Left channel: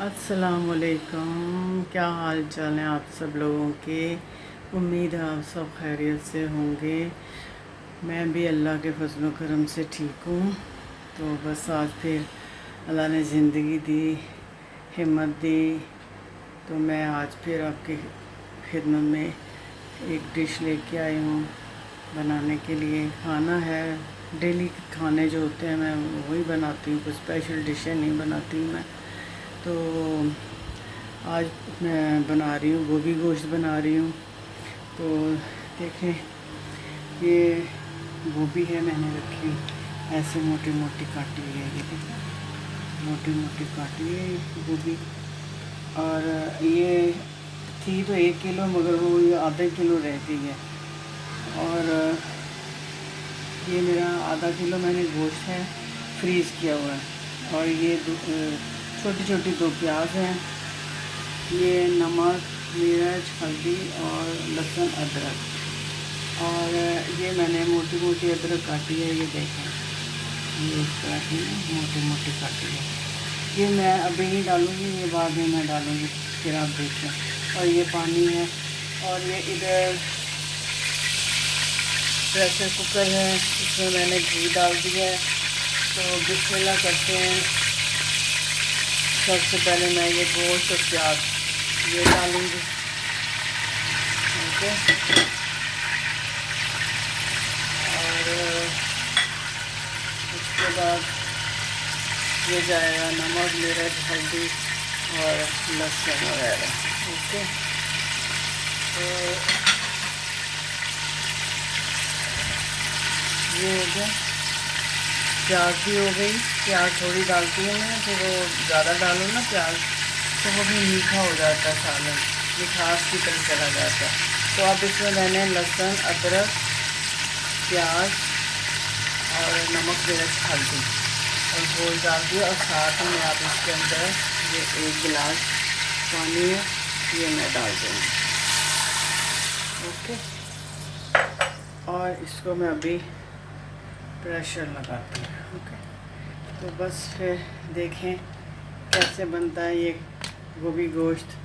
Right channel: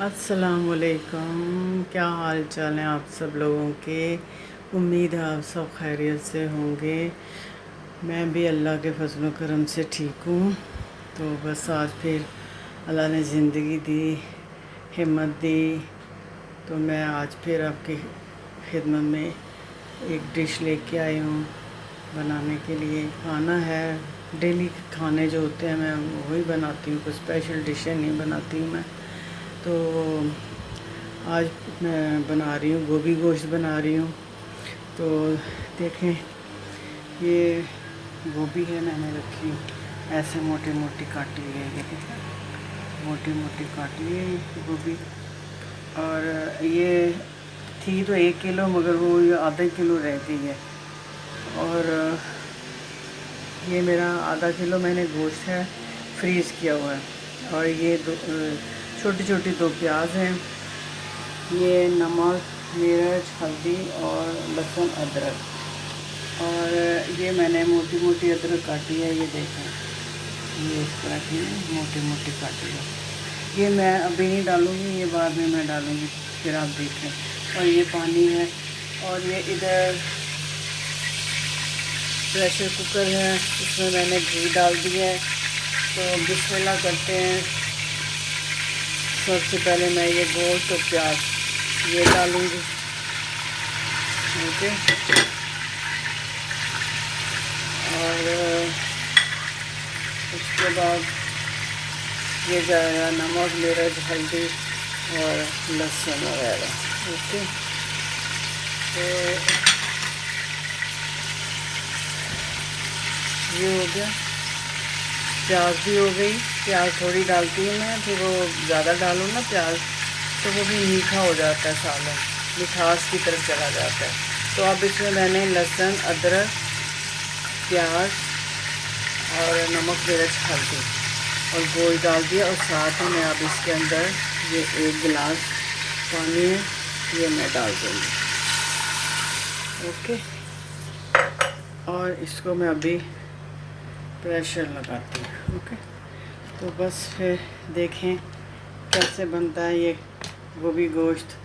अस्सलामुअलैकुम। क्या हाल चाल है आप सब लोगों के। उम्मीद है आप सब खैरियत से होंगे। मैं भी अल्लाह के फजल करम से ठीक हूँ। तो बस आज फिर अल्लाह ने ज़िंदगी दी, हिम्मत दी, तो मैं आज फिर आपकी खिदमत में एक डिश लेके आई हूँ बनाने के लिए। खाना है, डेली खाने जो होते हैं मैं वही बनाती हूँ, कोई स्पेशल डिशें नहीं बनाती मैं। तो आज मैं बना रही हूँ गोभी गोश्त बना रही हूँ। तो देखें, ये गोभी है, मैंने रखी ऐसे मोटी मोटी काटी हुई है। ये देखें, मोटी मोटी काटी हुई है ये गोभी। और ये थी तो 1 किलो, मगर वो ये आधा किलो रहती है। और ये मेरा आधा किलो मैंने गोश्त है फ्रीज़ किया हुआ है। और ये छोटी छोटी 2 प्याज हैं। ये नमक, मिर्च, हल्दी और लहसुन, अदरक। और ये मैंने मोटी मोटी अदरक काटी है, ये देखें, ये इस तरह की मोटी मोटी काटी है। ये मैं अभी नहीं डालूँगी, ये बाद में मैं डालूँगी, फिर आप देखें। और ये पानी है। और ये इधर प्रेशर कुकर है, इसमें मैंने घी डाल दिया है। तो बिस्मिल्लाह करते हैं। सबसे पहले मैं ये गोश्त और प्याज ये डालूँगी। ओके। और उसके बाद ये जाएगा नमक, मिर्च, हल्दी और लहसुन वगैरह। ओके। तो ये हो गया। प्याज भी हो गई। प्याज थोड़ी डालती हूँ मैं, फिर वो ज़्यादा डालो ना प्याज तो वो भी मीठा हो जाता है, सालन मिठास की तरफ चला जाता है। तो अब इसमें मैंने लहसुन, अदरक, प्याज और नमक, मिर्च, हल्दी और गोश्त डाल दिया। और साथ में अब इसके अंदर ये 1 गिलास पानी है, ये मैं डाल दूँगी। ओके। और इसको मैं अभी प्रेशर लगाती हूँ। ओके। तो बस फिर देखें कैसे बनता है ये गोभी गोश्त।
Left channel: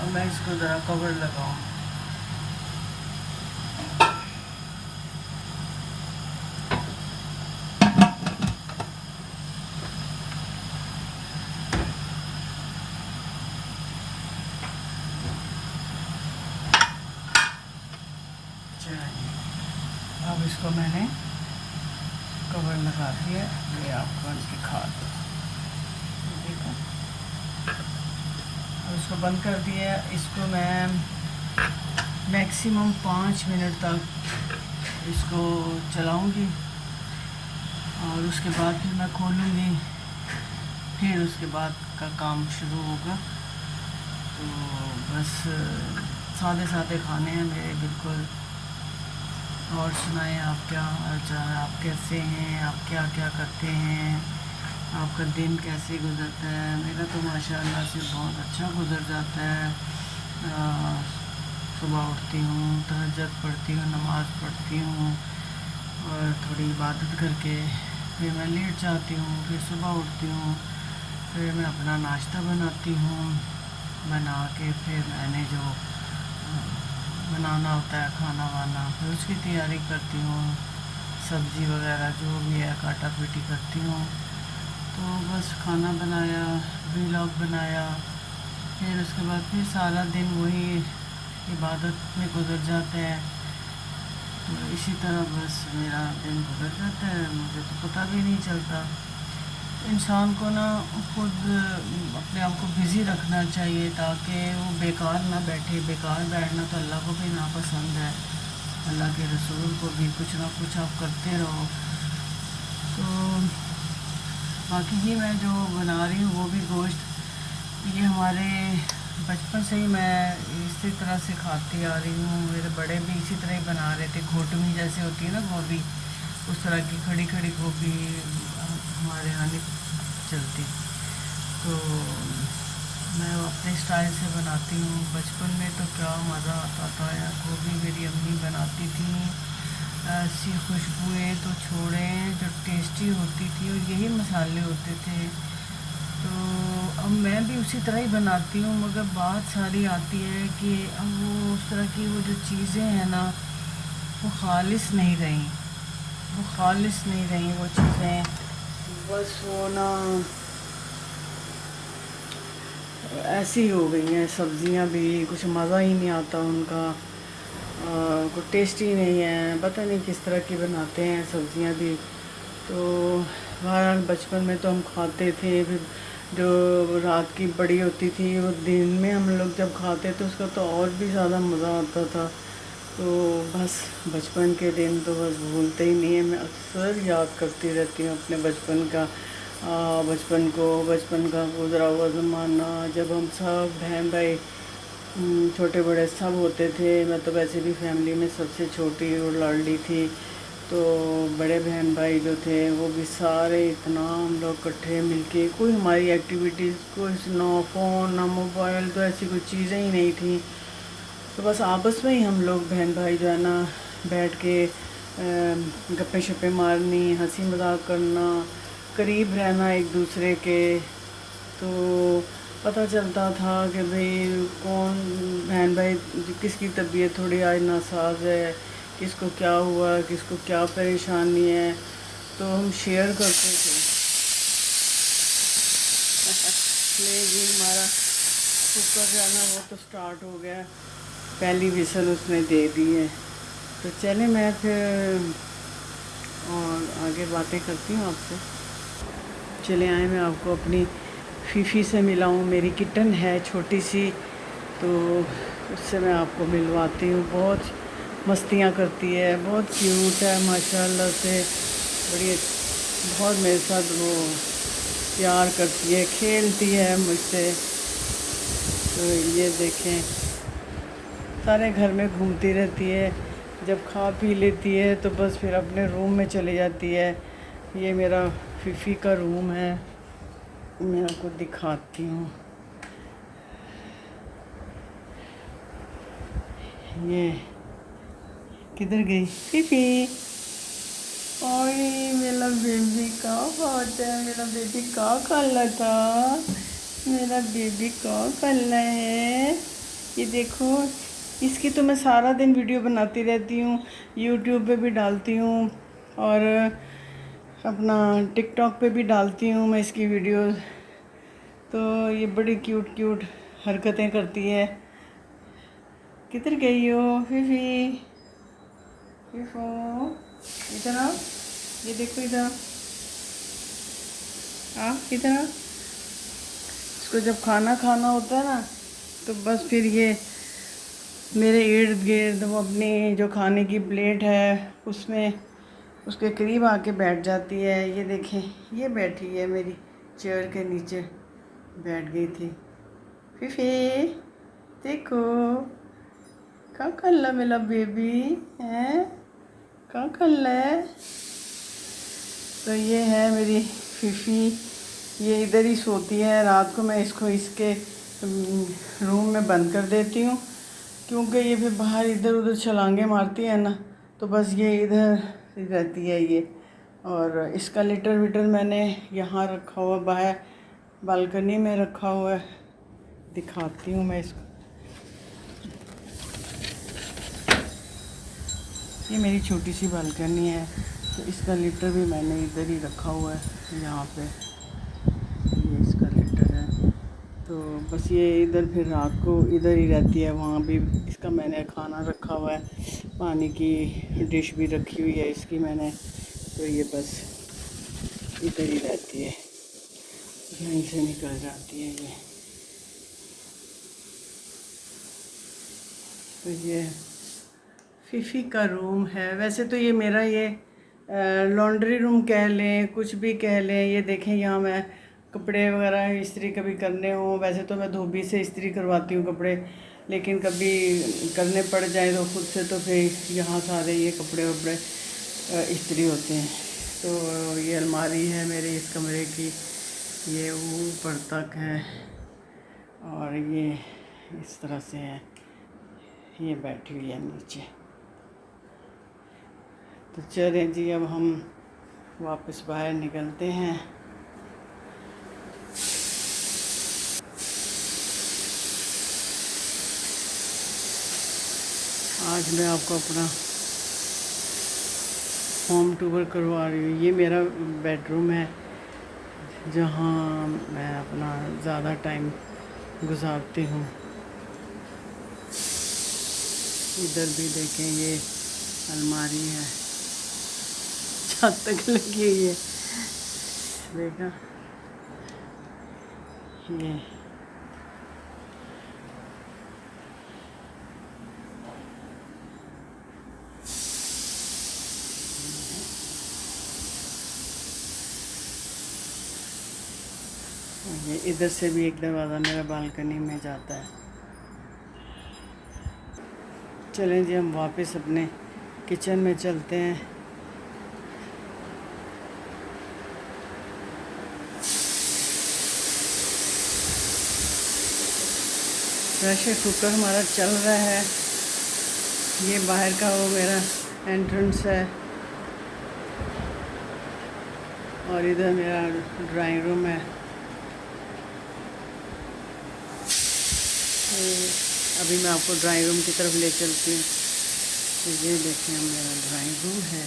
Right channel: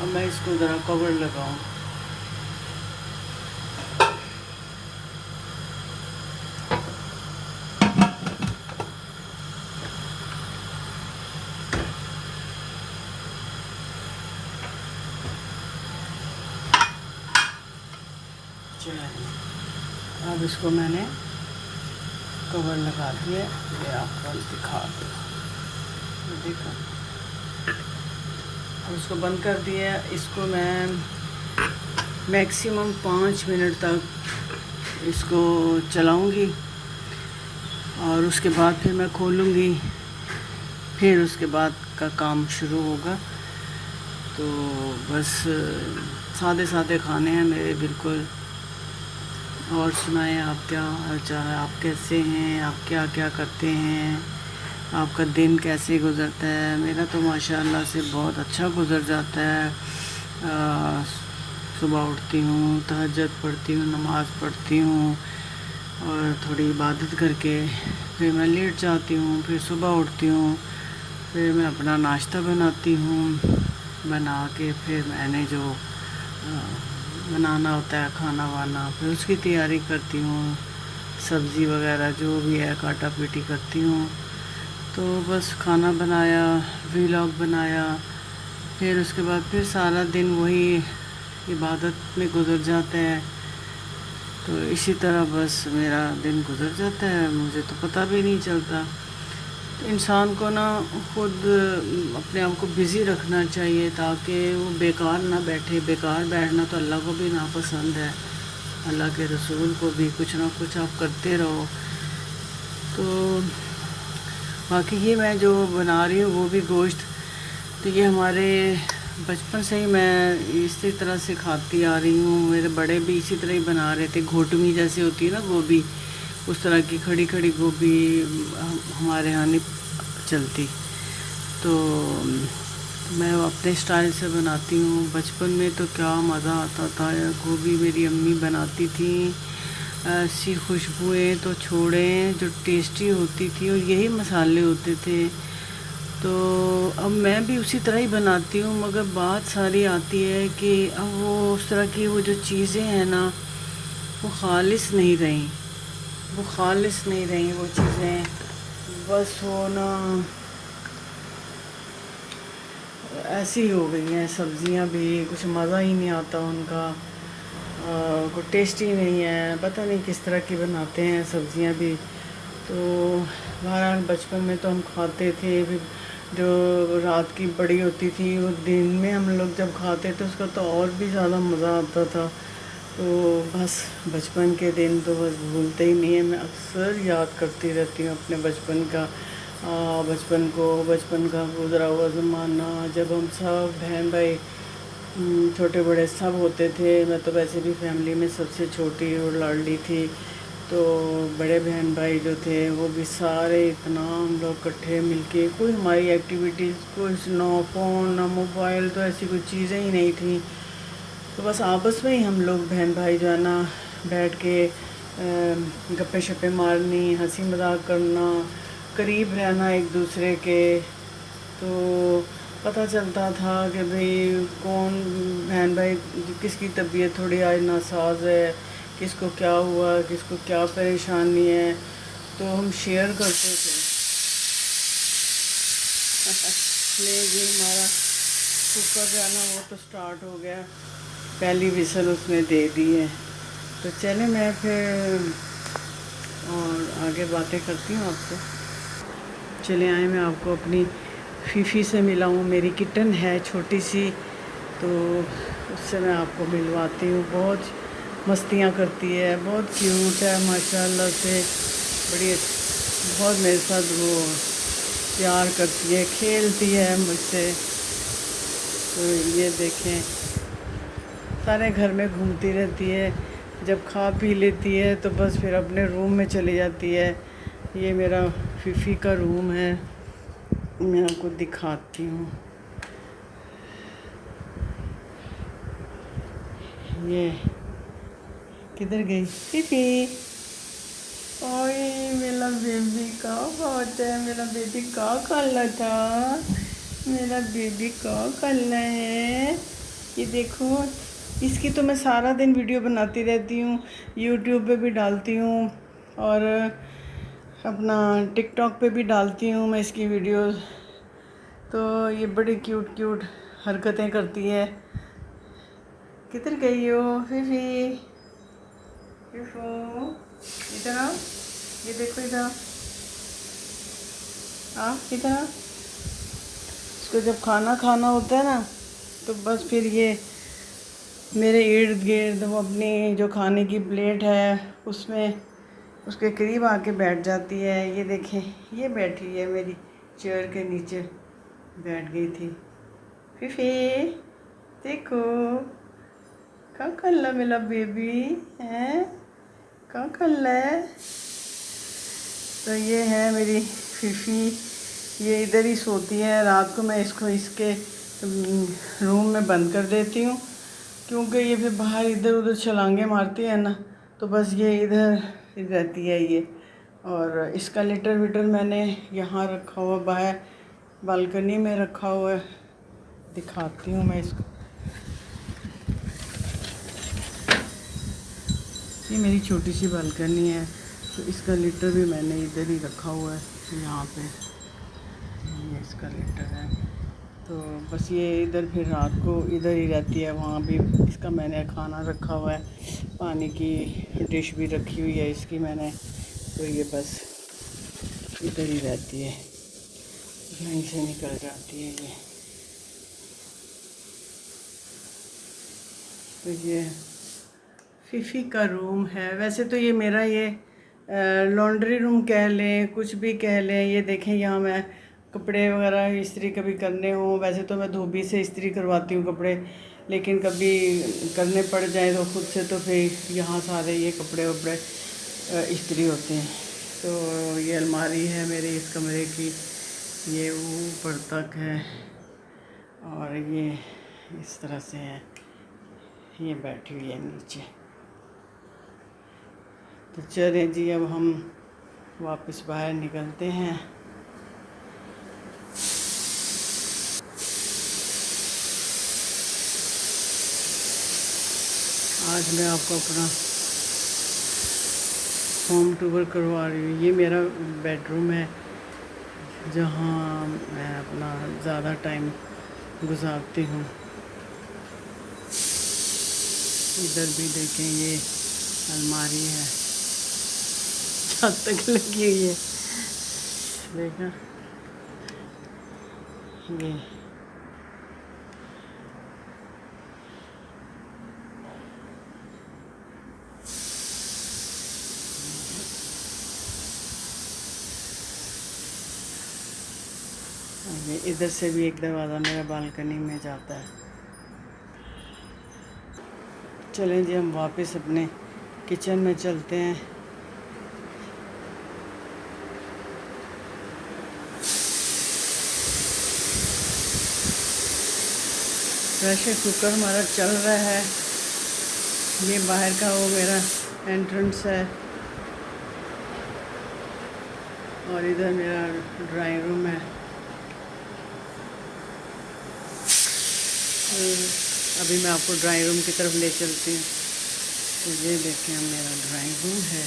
अब मैं इसको ज़रा कवर लगाऊँ। अब इसको मैंने कवर लगा दिया, ये आपको दिखा दो। देखो, अब इसको बंद कर दिया। इसको मैं मैक्सिमम 5 मिनट तक इसको चलाऊंगी और उसके बाद फिर मैं खोलूंगी, फिर उसके बाद का काम शुरू होगा। तो बस सादे सादे खाने हैं मेरे बिल्कुल। और सुनाएं, आप क्या हाल चाल है, आप कैसे हैं, आप क्या क्या करते हैं, आपका दिन कैसे गुज़रता है। मेरा तो माशाल्लाह से बहुत अच्छा गुज़र जाता है। सुबह उठती हूँ, तहज्जुद पढ़ती हूँ, नमाज़ पढ़ती हूँ और थोड़ी इबादत करके फिर मैं लेट जाती हूँ। फिर सुबह उठती हूँ, फिर मैं अपना नाश्ता बनाती हूँ। बना के फिर मैंने जो बनाना होता है खाना वाना, फिर उसकी तैयारी करती हूँ। सब्ज़ी वगैरह जो भी है काटा पीटी करती हूँ। तो बस खाना बनाया, व्लॉग बनाया, फिर उसके बाद फिर सारा दिन वही इबादत में गुजर जाता है। तो इसी तरह बस मेरा दिन गुजर जाता है, मुझे तो पता भी नहीं चलता। इंसान को ना खुद अपने आप को बिज़ी रखना चाहिए ताकि वो बेकार ना बैठे। बेकार बैठना तो अल्लाह को भी नापसंद है, अल्लाह के रसूल को भी। कुछ ना कुछ आप करते रहो। तो बाकी ये मैं जो बना रही हूँ वो भी गोश्त, तो ये हमारे बचपन से ही मैं इसी तरह से खाती आ रही हूँ। मेरे बड़े भी इसी तरह ही बना रहे थे। घोटमी जैसे होती है ना गोभी, उस तरह की खड़ी खड़ी गोभी हमारे यहाँ नहीं चलती। तो तो मैं अपने स्टाइल से बनाती हूँ। बचपन में तो क्या मज़ा आता था यार, गोभी मेरी अम्मी बनाती थी, ऐसी खुशबुएं तो छोड़ें, जो टेस्टी होती थी, और यही मसाले होते थे। तो अब मैं भी उसी तरह ही बनाती हूँ, मगर बात सारी आती है कि अब वो उस तरह की वो जो चीज़ें हैं ना, वो खालिस नहीं रही, वो खालिस नहीं रही वो चीज़ें। बस वो ना ऐसी हो गई हैं, सब्जियां भी कुछ मज़ा ही नहीं आता उनका, कोई टेस्ट ही नहीं है, पता नहीं किस तरह की बनाते हैं सब्जियां भी। तो बहरहाल बचपन में तो हम खाते थे, फिर जो रात की बड़ी होती थी वो दिन में हम लोग जब खाते थे उसका तो और भी ज़्यादा मज़ा आता था। तो बस बचपन के दिन तो बस भूलते ही नहीं है, मैं अक्सर याद करती रहती हूँ अपने बचपन का, बचपन का गुजरा हुआ ज़माना, जब हम सब बहन भाई छोटे बड़े सब होते थे। मैं तो वैसे भी फैमिली में सबसे छोटी और लाडली थी। तो बड़े बहन भाई जो थे वो भी सारे, इतना हम लोग इकट्ठे मिलके, कोई हमारी एक्टिविटीज़, कोई ना फ़ोन ना मोबाइल, तो ऐसी कोई चीज़ें ही नहीं थी। तो बस आपस में ही हम लोग बहन भाई जो है ना बैठ के गप्पे शप्पे मारनी, हंसी मजाक करना, करीब रहना एक दूसरे के। तो पता चलता था कि भाई कौन बहन भाई किसकी तबीयत थोड़ी आज नासाज है, किसको क्या हुआ, किसको क्या परेशानी है, तो हम शेयर करते थे। ले जी हमारा कुकर जो है ना वो तो स्टार्ट हो गया, पहली विसल उसने दे दी है। तो चले मैं फिर और आगे बातें करती हूँ आपसे। चले आए, मैं आपको अपनी फीफी से मिलाऊँ, मेरी किटन है छोटी सी, तो उससे मैं आपको मिलवाती हूँ। बहुत मस्तियाँ करती है, बहुत क्यूट है माशाल्लाह से, बड़ी बहुत मेरे साथ वो प्यार करती है, खेलती है मुझसे। तो ये देखें, सारे घर में घूमती रहती है, जब खा पी लेती है तो बस फिर अपने रूम में चली जाती है। ये मेरा फीफी का रूम है, मैं आपको दिखाती हूँ। ये किधर गई फीफी? ओए मेरा बेबी का बात है, मेरा बेबी का काला था, मेरा बेबी का काला है। ये देखो, इसकी तो मैं सारा दिन वीडियो बनाती रहती हूँ, यूट्यूब पे भी डालती हूँ और अपना टिकटॉक पे भी डालती हूँ मैं इसकी वीडियोस। तो ये बड़ी क्यूट क्यूट हरकतें करती है। किधर गई हो फीफी? फीफू इधर आओ, ये देखो इधर आ, इधर आ। इसको जब खाना खाना होता है ना तो बस फिर ये मेरे इर्द गिर्द वो अपनी जो खाने की प्लेट है उसमें उसके करीब आके बैठ जाती है। ये देखें, ये बैठी है मेरी चेयर के नीचे, बैठ गई थी। फीफी देखो, क्या कर ला मेरा बेबी है, क्या कर ला है? तो ये है मेरी फीफी, ये इधर ही सोती है। रात को मैं इसको इसके रूम में बंद कर देती हूँ, क्योंकि ये फिर बाहर इधर उधर छलांगे मारती है ना, तो बस ये इधर रहती है ये। और इसका लिटर विटर मैंने यहाँ रखा हुआ, बाहर बालकनी में रखा हुआ है, दिखाती हूँ मैं इसको। ये मेरी छोटी सी बालकनी है, तो इसका लीटर भी मैंने इधर ही रखा हुआ है, यहाँ पे ये इसका लीटर है। तो बस ये इधर फिर रात को इधर ही रहती है, वहाँ भी इसका मैंने खाना रखा हुआ है, पानी की डिश भी रखी हुई है इसकी मैंने। तो ये बस इधर ही रहती है, यहीं से निकल जाती है ये। तो ये फीफी का रूम है। वैसे तो ये मेरा ये लॉन्ड्री रूम कह लें, कुछ भी कह लें। ये देखें, यहाँ मैं कपड़े वगैरह इस्त्री कभी करने हों, वैसे तो मैं धोबी से इस्त्री करवाती हूँ कपड़े, लेकिन कभी करने पड़ जाए तो खुद से, तो फिर यहाँ सारे ये कपड़े वपड़े इस्त्री होते हैं। तो ये अलमारी है मेरे इस कमरे की, ये ऊपर तक है और ये इस तरह से है, ये बैठी हुई है नीचे। तो चलें जी, अब हम वापस बाहर निकलते हैं। आज मैं आपको अपना होम टूर करवा रही हूँ। ये मेरा बेडरूम है जहाँ मैं अपना ज़्यादा टाइम गुजारती हूँ। इधर भी देखें, ये अलमारी है, छत तक लगी हुई है, देखा ये। ये इधर से भी एक दरवाज़ा मेरा बालकनी में जाता है। चलें जी, हम वापस अपने किचन में चलते हैं। प्रेशर कुकर हमारा चल रहा है। ये बाहर का वो मेरा एंट्रेंस है और इधर मेरा ड्राइंग रूम है। अभी मैं आपको ड्राइंग रूम की तरफ ले चलती हूँ। तो ये देखें, मेरा ड्राइंग रूम है।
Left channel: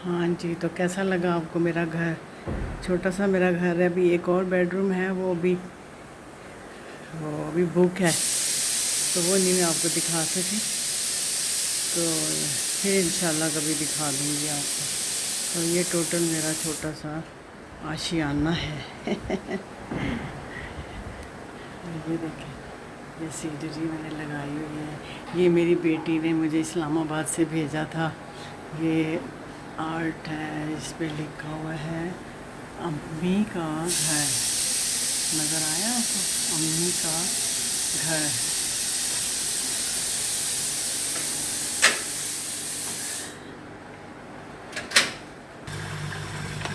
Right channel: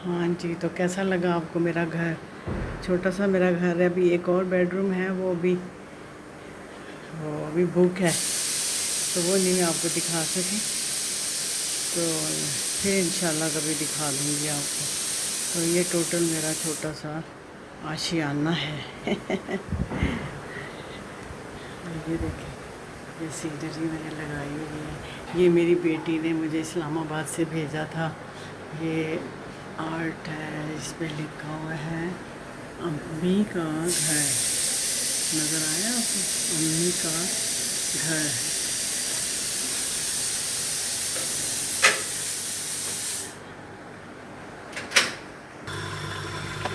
हाँ जी, तो कैसा लगा आपको मेरा घर? छोटा सा मेरा घर है। अभी एक और बेडरूम है, वो अभी बुक है, तो वो नहीं मैं आपको दिखा सकी। तो फिर इंशाल्लाह कभी दिखा दूँगी आपको। तो ये टोटल मेरा छोटा सा आशियाना है। ये देखें, ये सीनरी मैंने लगाई हुई है। ये मेरी बेटी ने मुझे इस्लामाबाद से भेजा था। ये आर्ट है, इस पे लिखा हुआ है अम्मी का घर। नज़र आया आपको? अम्मी का घर।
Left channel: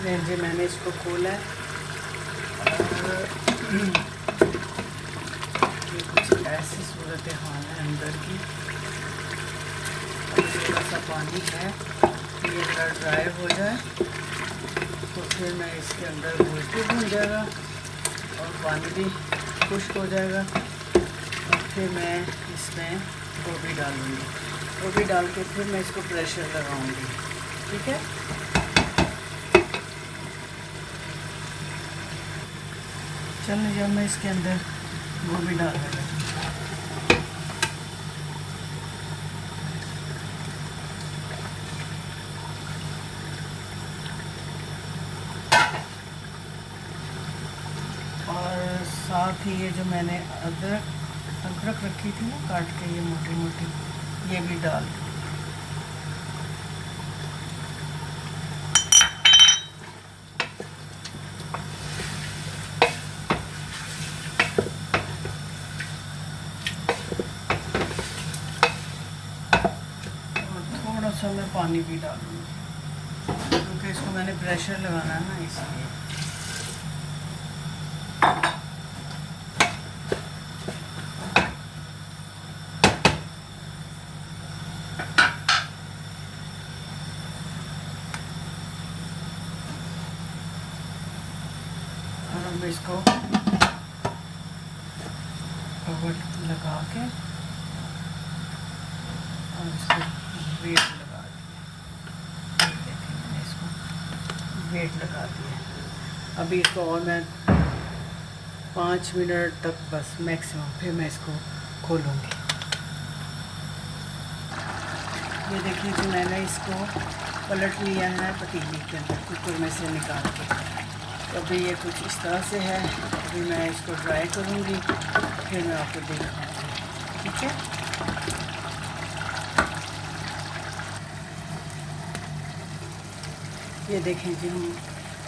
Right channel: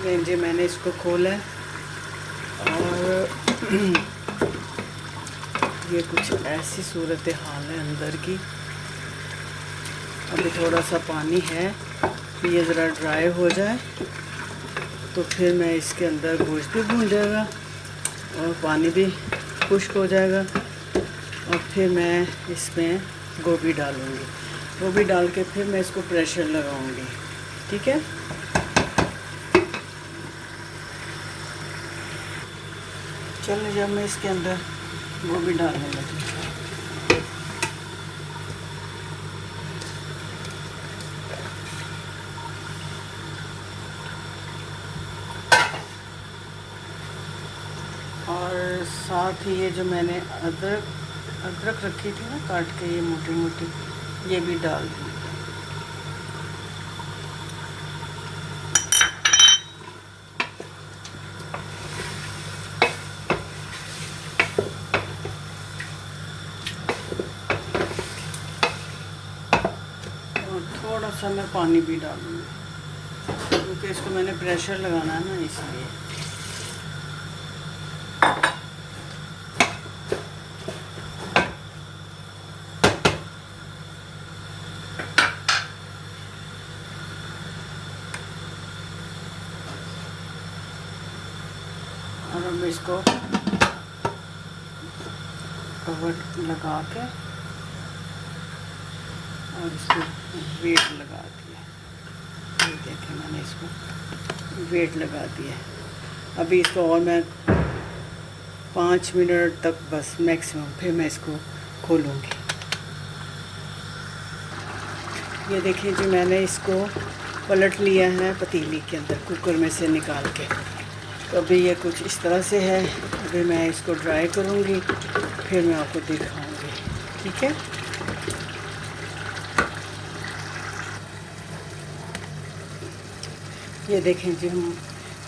नहीं जी, मैंने इसको खोला और ये कुछ ऐसी सूरत हाल है अंदर की। अभी थोड़ा सा पानी है, ये ज़रा ड्राई हो जाए तो फिर मैं इसके अंदर गोश्त भी भून जाएगा और पानी भी खुश्क हो जाएगा। और फिर मैं इसमें गोभी डालूँगी। गोभी डाल के फिर मैं इसको प्रेशर लगाऊँगी। ठीक है। चलो, जब मैं इसके अंदर गोभी डालने लगी, और साथ ही ये जो मैंने अदरक रखी थी ना काट के, ये मोटी मोटी, ये भी डाल दी। थोड़ा सा मैं पानी भी डालूँगी क्योंकि इसको मैंने प्रेशर लगाना है ना, इसलिए। और अब इसको कवर लगा के और इसको वेट लगा दिया। ये देखें, मैंने इसको वेट लगा दिया। अभी इसको और मैं 5 मिनट तक बस मैक्सिमम, फिर मैं इसको खोलूँगी। ये देखिए जी, मैंने इसको पलट लिया है पतीली के अंदर, कुकर में से निकाल के। तो अभी ये कुछ इस तरह से है। अभी मैं इसको ड्राई करूँगी, फिर मैं आपको दिखाऊँगी। ठीक है, ये देखें जी, हम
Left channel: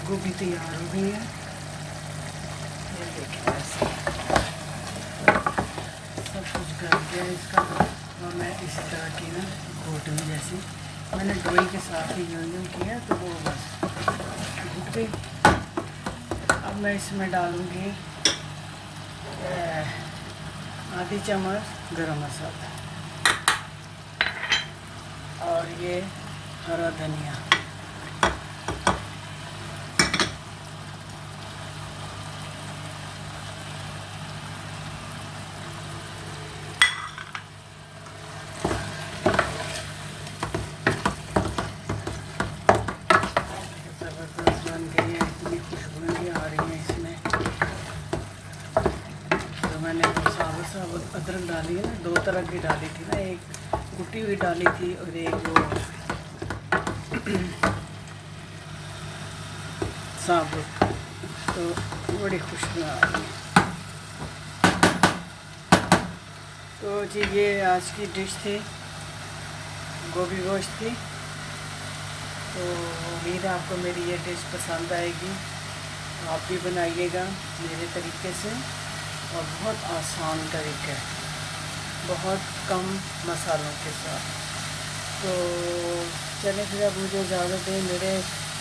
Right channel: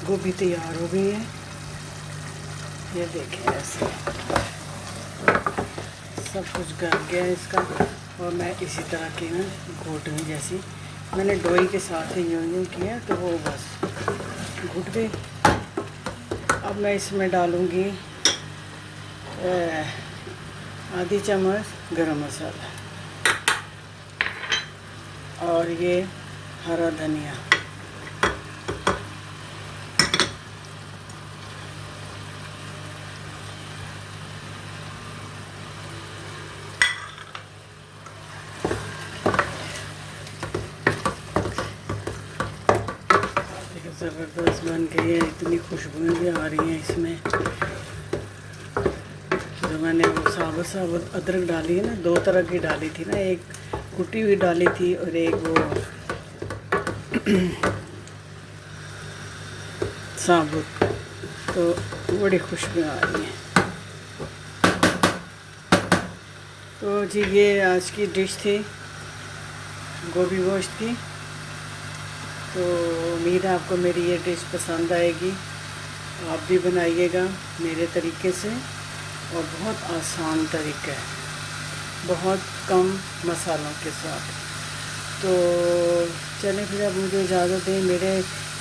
गोभी तैयार हो गई है। ये देखें ऐसे सब कुछ गल गया है इसका। और मैं इसी तरह की ना घोटनी जैसी मैंने डोई के साथ ही यूँ किया, तो वो बस घुट गई। अब मैं इसमें डालूँगी आधी चम्मच गरम मसाला और ये हरा धनिया। ज़बरदस्त बन गई है, इतनी खुशबुएँ भी आ रही हैं इसमें। जो मैंने वो साबुत अदरक डाली है ना, 2 तरह की डाली थी ना, एक कुटी हुई डाली थी और एक वो साबुत, तो बड़ी खुशबुएँ आ रही हैं। तो जी ये आज की डिश थी, गोभी गोश्त की। तो उम्मीद है आपको मेरी ये डिश पसंद आएगी। आप भी बनाइएगा मेरे तरीके से, और बहुत आसान तरीका है, बहुत कम मसालों के साथ। तो चलें फिर, अब मुझे इजाज़त दें। मेरे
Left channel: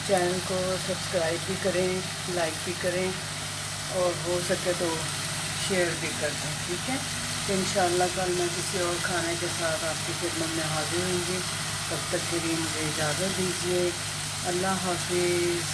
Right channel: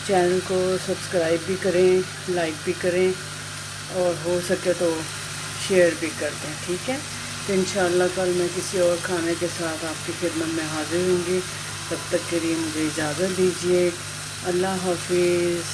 चैनल को सब्सक्राइब भी करें, लाइक भी करें, और हो सके तो शेयर भी कर दें। ठीक है, तो इंशाअल्लाह कल मैं किसी और खाने के साथ आपकी खिदमत में हाजिर होंगी। तब तक के लिए मुझे इजाज़त दीजिए। अल्लाह हाफिज़।